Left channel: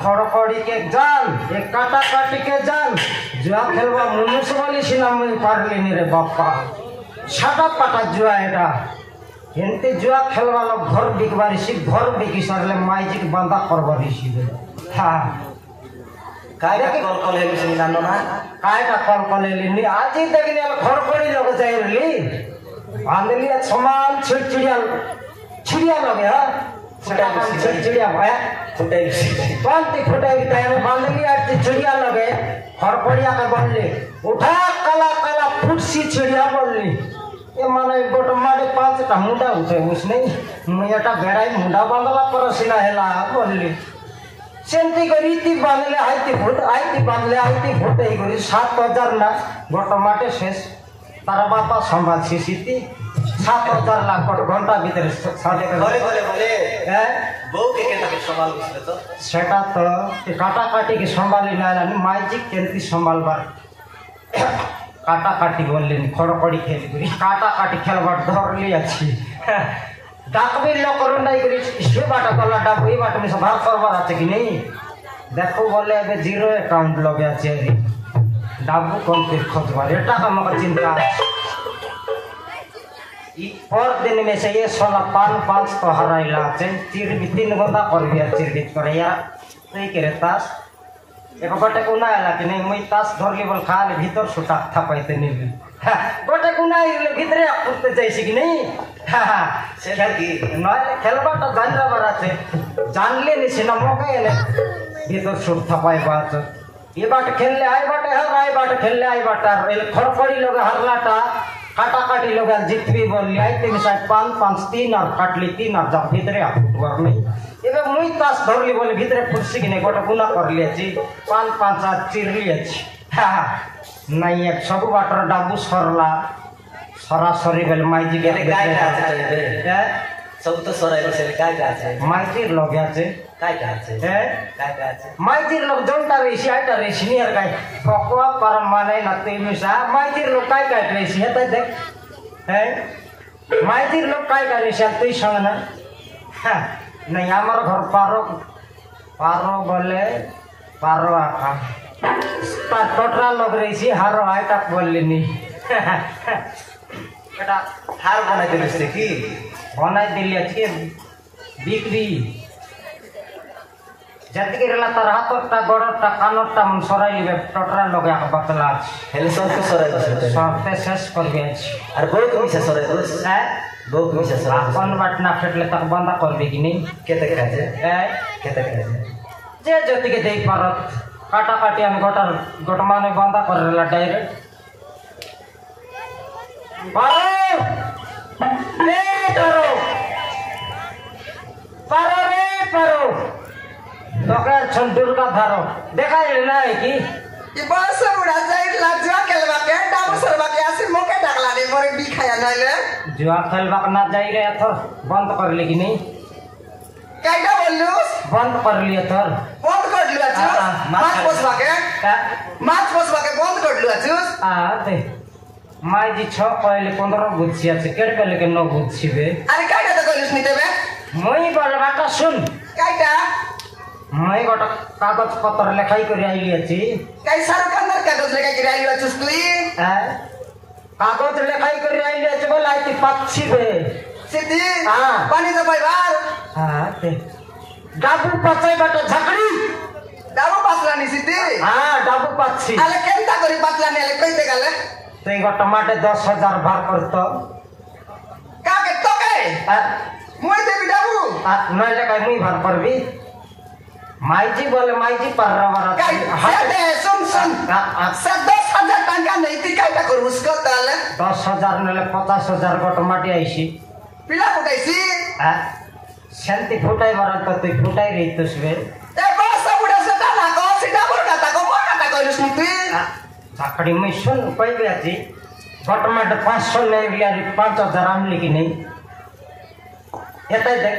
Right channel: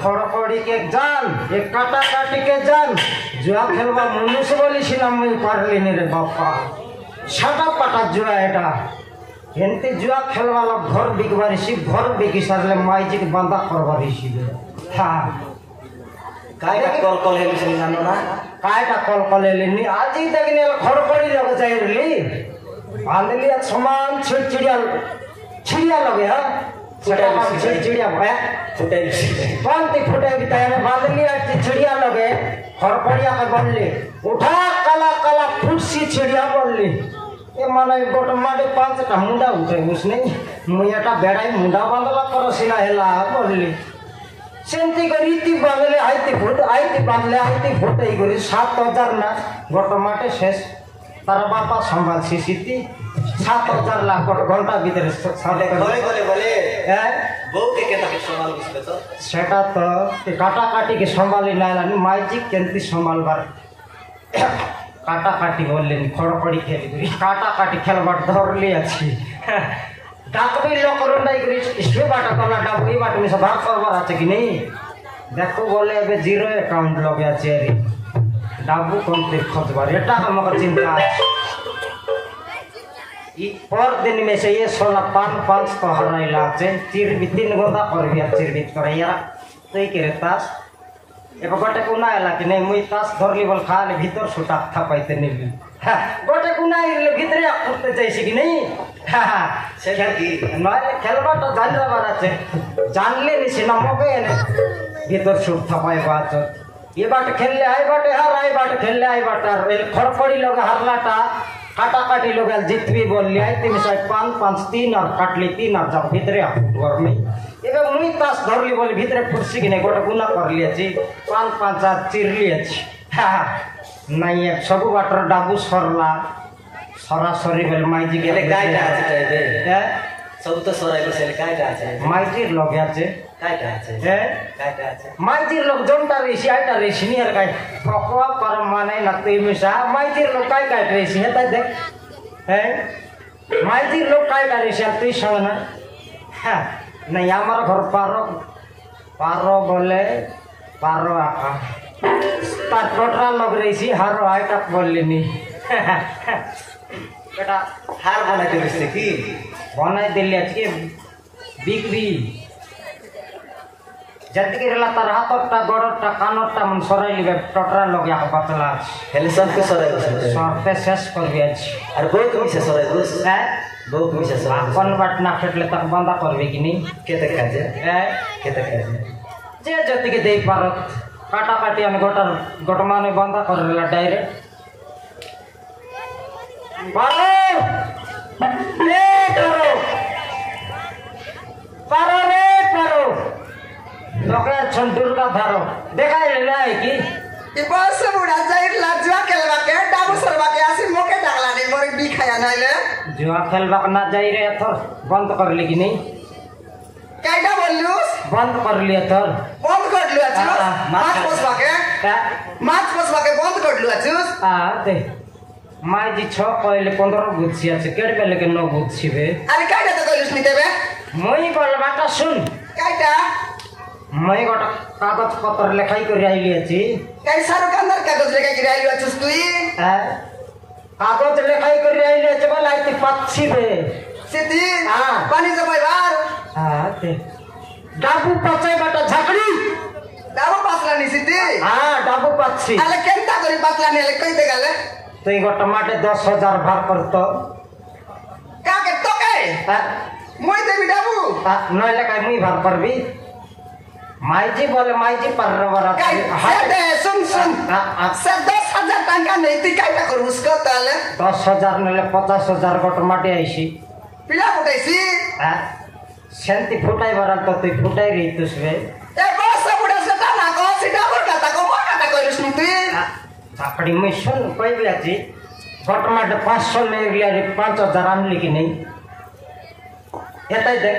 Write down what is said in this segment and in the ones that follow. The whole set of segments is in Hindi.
खड़खड़ी के जान एक काटा काटी के जान जुआ खेलवा म्यूनिसिपाली सिनेमा में पारली रे बापा छाटा काटा जुआ एटा एनते जुआ खेलवा लोग घर बिकवारी सी घर बिकी सरले माइजी के बंदा करवारी सी हां कायटा कॉल कॉल हेली सिना ना कायटा कॉल कॉल हेली नि आज ही देखने खड़खड़ी लोग जाइरली बांधली समान छिड़छिड़िया छिड़िया लगे हां चिड़िया भाया फुटे तैयार बांधनी चिड़िया लगे खरपड़िया का बनली उठा काला काला फुटसी चिड़िया बनली ये माने गोट माडे पांचटा मुंडा उठे उसने मुयाटा बेड़ाई मुंडा बांधला परसिना हेला बनली सेंती रीति बांधले आईती फुटे गरी 7000 ना गोट माटे शेष तारा बापा संभाल सीसीती 7000 लाख घंटा भीतर सादे बोले बो के संभाल बिस्ते तो सेटा तो के काटा काटी के संभाली नालानी माइजी केंती संभाल बार काटा काटी बोलले खड़खड़ी खेली काटा काटी खेलबाट धरली अछि डाकबी लोक रुंडाई करी इसके बाटा वाला डाकबी बाट में भाग करबार আছে कि नहीं देखो बोले अबे जीरो अकाउंट लगे আছে रे डाबू कोन ते खोजबार एटा हमर चिंता पर दिन में से ये 16 तो हराइला আছে चिर भी 3 गोदा करबिया चिर भी करया तई करे तास एक बटे कोना आला कि नहीं मुई तास धरली बोल खाले भीतर सुटा था पाइते नहीं গোটে কুনাই ভিতরে করতে চাইছি কি নেই সেটা কি নয় খেলবাটা জানবার আছে জানলে নিছি না মোকে এনে ভিতর সুর থাপাই বাচ এ বাট খেললে আই বাটে হার আই বাট খেললে আই বাট আর খড়পড়ি লোক হারলাটা কাটাকাটি लोग जितवी बोलली है 3 साइड 5 5 3 और काटली 3 और जब भीतरे घर में एबे मुई तास धरली बोले भीतरे फुर्सी कि नहीं गोटे गुना कर लिएछि 5 5 और चिर लिएछि नहीं एक सब बाटर डाबू सरला सरासरी बेल माइजी के गायटा আছে सब तो सराई बसेल गायटा আছে माइजीर लोग আছে गायटा আছে गायटा আছে माइजीर लोग जोंटा रेसी आइटा रेसी नियर काय पकवा पर माने नती मिसा माइजीर लोग काय काय रेसी है देख है माइजीर लोग काय काय रेसी तुई संग ना हां नहीं हमारा घर पारो पारो बोले पारो आका ता टोटरा लोग रेसी हारो आइटा बोलली बेटा हार बनाई दिलसे की बनाई दिली आज के बिक्री जल्दी के रला तार हाथटा गोड़टा कानटा मन सराई लिबे टोटरा लगे बतला हेले सब के सराई बसते सबते शेष कर दिया और बोक में से सराई बस है बोक में से सराई अपन बटना फेटले तक बंदा करबे कि नहीं केते खाजे है केते खाजे जे जति के देई पारत काटा काटी आने गोटमा में बंदा करला डायरेक्ट ले करो पारो रे पारो लोके छन दुर्गा धारो देखा ले की कि बस उड़ा जाई लाजवा केलवा के डाबू सरवा के आसी मोके डागला रे मोरे बी खाया नाइले जुआ खेलबा ना जाई रे थो बंद कर ले कि नहीं काइडा बोललुस बंद कर लिया थर बंद कर लियो अचुस माछ पोसवा के बंद कर लियो अचुस आ दे माई जी 6 पहले 15 गुच्छी আছে केड़ पे लेके 9 गुच्छी बे अरे काइडा तो कइलुस नि देबे মই বল বাটা শুন काइडा মই গোটা কাগজ পত্র লেখাই করে আইলি আছি काइ सारो कंदर कागज लेके गिरा लियो अचुस तुई कागज লেখাই করে আইলি আছে বল আইতে পাচ্ছি বে सिद्धि हां पानी दे भाई बार हां ते डाबू पचाई बाटा झगड़ी डाबू पासला नि सिद्धि हां डाबू पाচ্ছি आले केनता करी पासला नि ले कइ दे गले তুই গোটা মাঠে 10000 ভাগ করতো काके तो के মই দেবি ডাবু নইলে কাই মুই ভাগ করবি মাইজি বলে মাইজি পাররা काइ दे सुन सब 10000 টাকা নেই তুই কাইটা করুস কত তাহলে 10000 নলে 50000 গোটা মাটি আইছি পিলা ফুটাইছি শান্তি ফুটাই বরাল তো তুই ফুটাই রইতস বে ए बस बुढ़ा से ता को सीधा बोटा ता को मोटा ता कइलुस नि तुई चाकड़ी मिशन कोई भी आजी गोटा माटे 500 में लिया 5000 आमली कि नहीं एता देख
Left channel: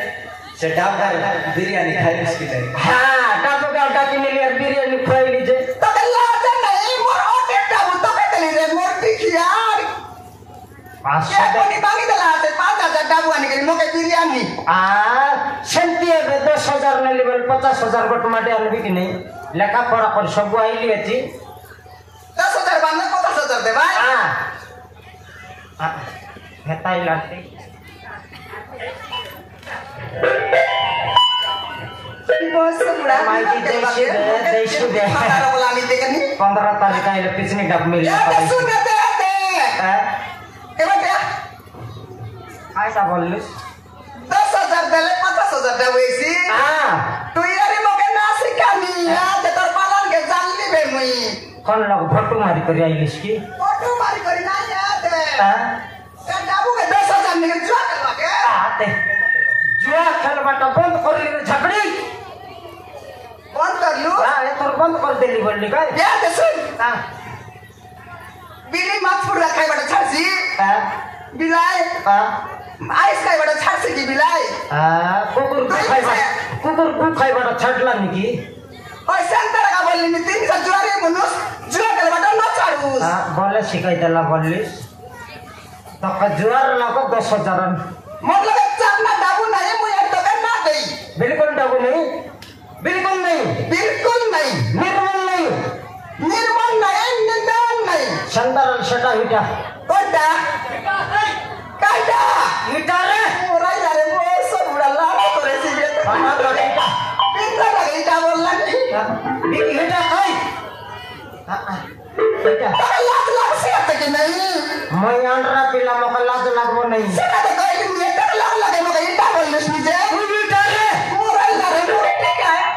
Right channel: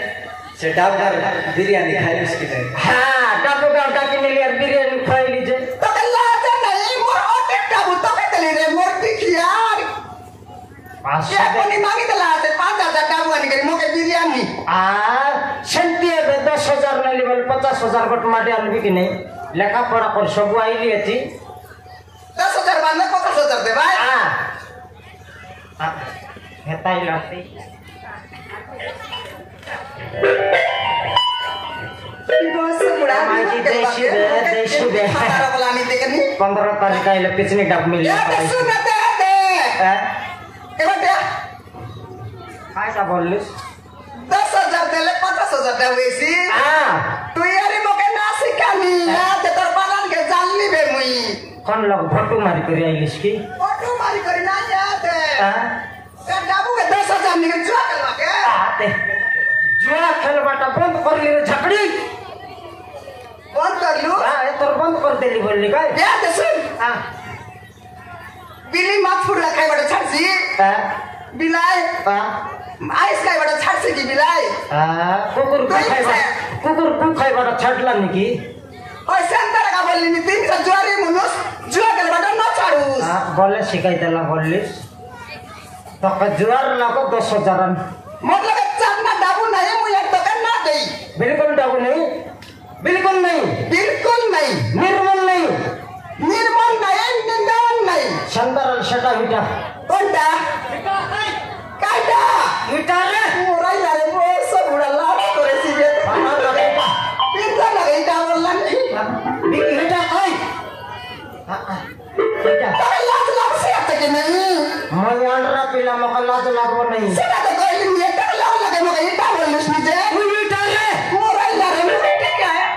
से डाबर बिरयानी खाई बिस्किट हां डाबू गाडा के लिए बिरयानी खाई लीजे तो के लाते नहीं मोर ओटे डाबू तो के दली रे मोर पिखियार ये 500 कोनी मांगी दला ते 5000 डाबू आने करी मोके बिरयानी शांति है 10000 ने लेवल 50000 गोटा माटे आनबी कि नहीं लेखा पढ़ा पर सब आइली अछि 10000 बांध 50000 दे भाई हेताई लाते बस बुढ़ा माइजी देश दे खाना बोलानी देखनी 15 तारीख आइले पिछनी डब मिली ए सुन दे दे के बेटा आइसा बोलिस 10000 देले 50000 दे वैसी हां तू यारी मोके ना सिखानी है ते तोर पालन के जानली बे मुई कौन लोग फोटो मारी कर आइलिस की फोटो मारी करी ना याद है हां ए डाबू के 10000 निकल जो करवा के आते जुआ खेल बाटा बंद कर ली झगड़ी बंद कर लू हां ये तो बंद कर देली बोलली का याद है सुन हां बिली मत फुड़ा खाई बड़ा छासी हां बिलाई हां आइस खाई बड़ा छासी की बिलाई कुकुर को खाई बड़ा छटला निकी ओए सेंटर का बोलली नि 300 जोरी मुनुस जुआ के बड़ा ना चाड़ूस बोले शिकाई देला बोलिस तो का जुआर लगो 10000 मतलब चापना डाबू नहीं मुझे तो करना दई बिल्कुल डाबू नहीं बिल्कुल नहीं बिल्कुल नहीं निर्मल नहीं निर्मल नहीं निदान नहीं संदर शटा विटा कोंडा काटा विटा रे पूरा यार वो सब बड़ा लाड़ा करे सीधे पिंजरा लगे क्या बोलना नहीं विटा कोई विटा लाख लाख से तक नहीं নাই সেটা তো কইলি এটা লাগে মগে এটা বলিস নিজে তুই ইটারে মোরাল লাগে মোরে ঠিক আছে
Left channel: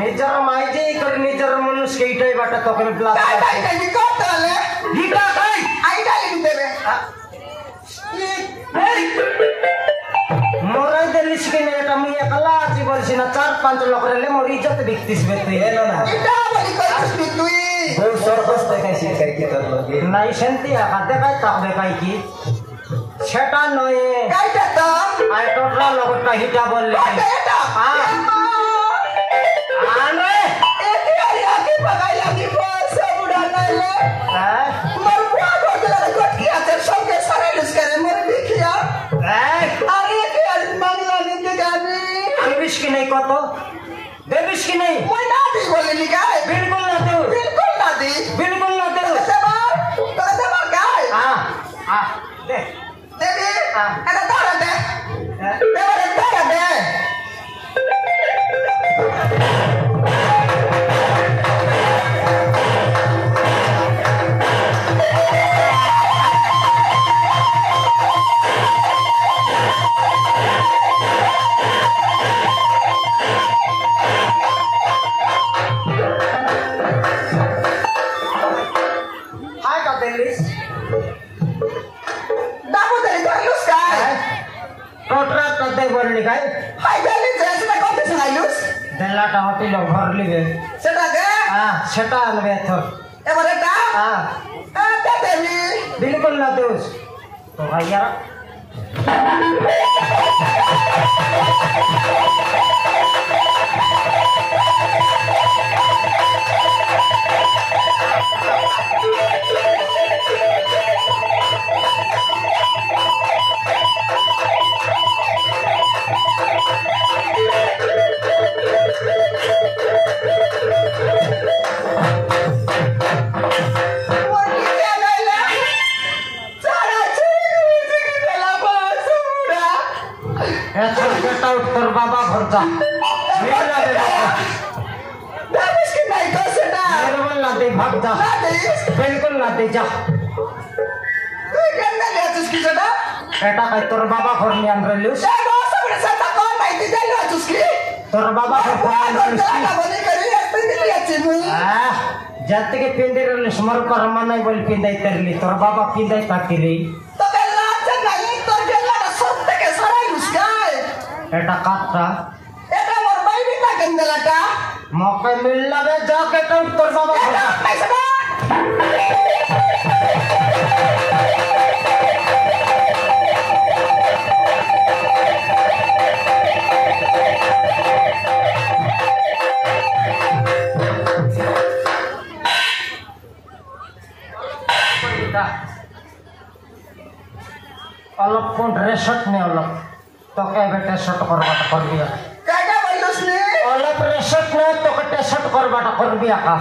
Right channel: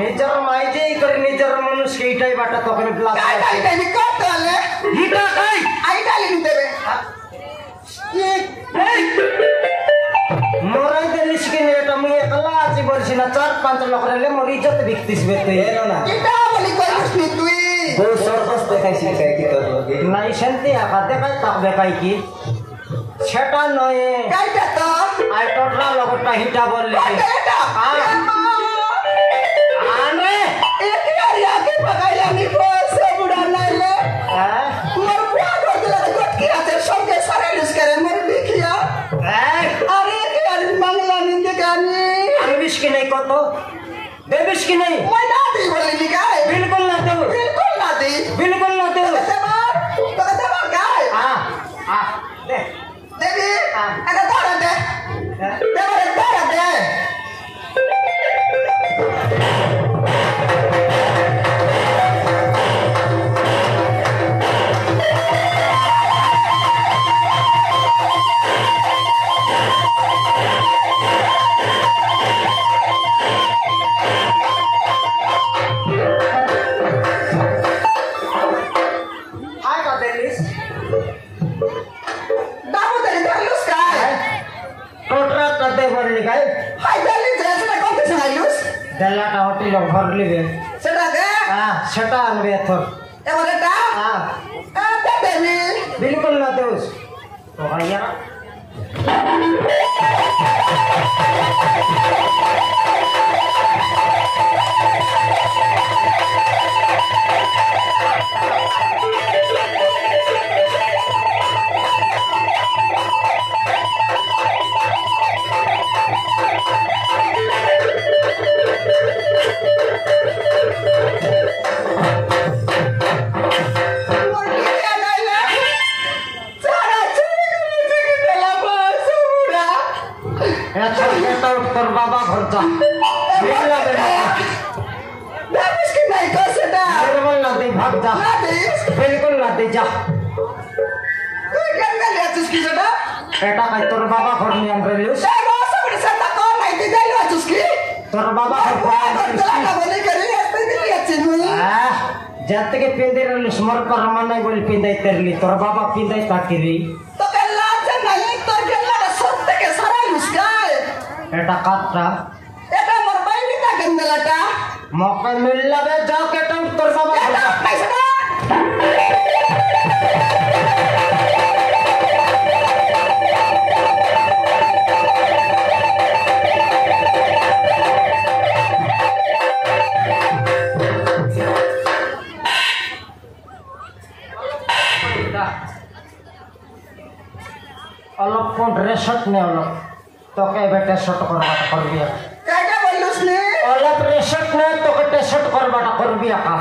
নিজের মাইজেই করে নিজের মানুষকে এইটাই বাটা তখন ব্লাস কাই কত হলে ইটা খাই আইডা লিখে দেবে মরাই দেলিস কিনে এটা মুই একলা আছি বলছি না 4-5 লোক রেলে মোর ইজ্জত দেখতিস বেতে এলো না এটা বলি কইছিস নি তুই বউ সর্বস দেখাইছি কি তোর লগে নাই শান্তি আকা দেখাই তাক দেখাই কি সেটা নয় কাইটা তো আই টোটলা লগটা হিটা বললে কাইটা এটা আরে এটি আরিয়া কি পাগাইলা নি পাশে বুড়া নাইলে মোর বুয়া করতে লাগে কি আছে সঙ্গে সারা লুস করে মোর দেখিয়া আরে কি আর বাংলা নিতে গানি দেবিস কি নাই কত দেবিস কি নাই ওই না দি বলি নি গায় বিলকুল না তো বিলকুল না দি বিলকুল না তো তো গায় দে দেবি এটা ধরে দে ধরে দে হাই কা দেলিস দাবো দে লুস গায় টোটলা তো দে বললি গাই হাই দেলি যেটা কত চাইলুস দেলাটা হোটেল ভরলিবে সেটা দে সেটা আনবে তো এবার এটা দেবি बिल्कुल ना दोस्त तो भैया ऐसा बेटा उत्तर बाबा भरता मेरा बेटा मेरे मन ना दे भाग जा बिल्कुल ना दे जा बेटा का तोर बाबा घर में हम रहिस तोर बाबा घर जाते के पिंदे रहिस मर पर मने बोल पिंदे तरली तोर बाबा पिंदे ताकिरी बेटा काटा मौका मिल लगे जाके तो तोर बाबा घर अलग फोन रेशट ने अलग तो क्या बेटे शट कर दिया अलग रेशट ने तो कटे शट कर दिया का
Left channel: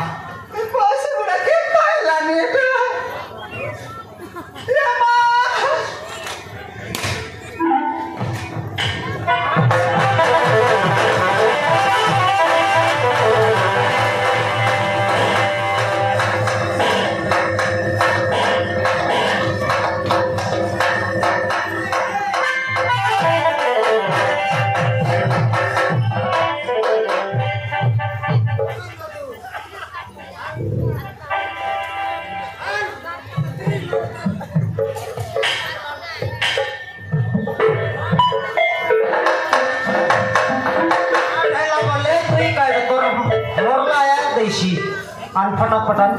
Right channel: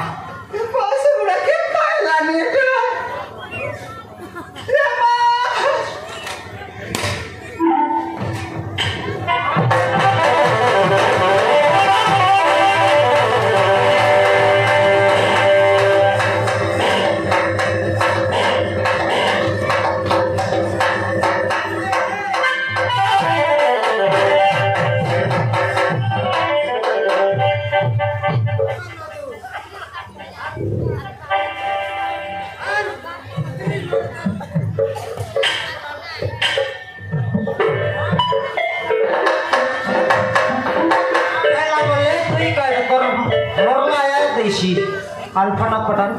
आन फटाफटन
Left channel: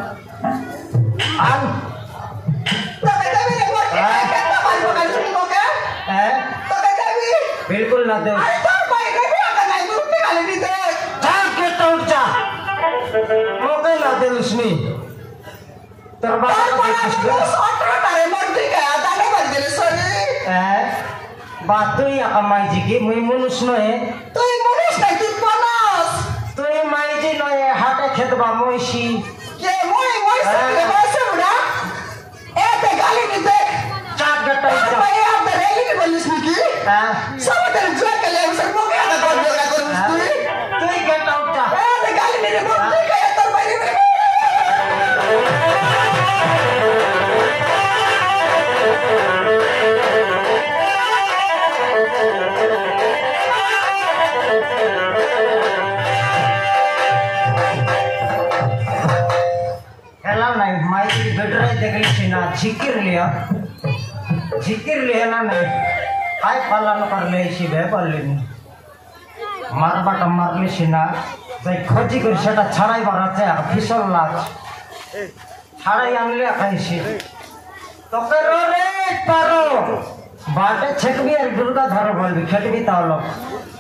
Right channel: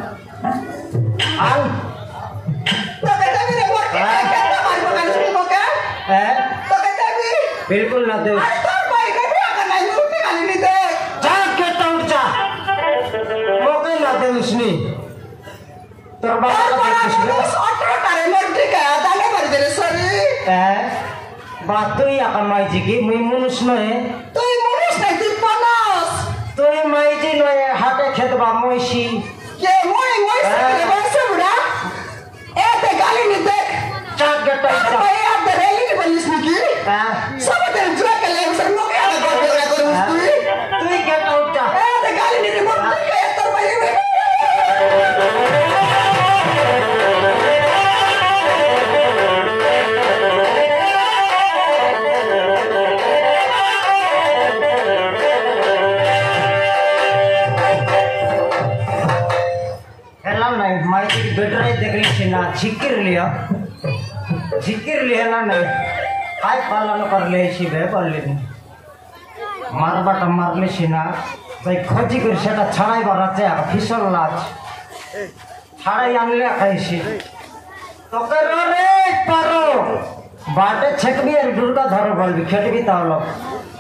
आन बिल्कुल ना दे जाके तो उठ जा मौके ना दे उसने तरबार बात तो या कमाई जी की मुई मनुष्य नहे तो माई जी नहे हाटे खेतबा मोइशी जाके तो उठ जा तू ही गेट आउट जा जिकिर लेना नहीं काय पालन करले इसी भे पारलिनी मारबाटा मारले सिना जाय खजी कर सेटा छाड़ाई बाराचे फिसल लाच छाड़ाई आनले खाइसी तो के रे पारो बाटे छकबी और दुर्गा धर बोलबी खेलबी तावलो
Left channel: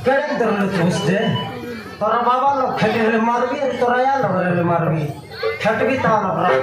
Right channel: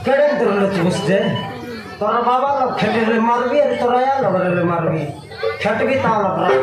केड़े दरले चुसदे तोरा बाबा लोग खेले मारबी तोरा या लोग रे मारबी खेलबी तावलो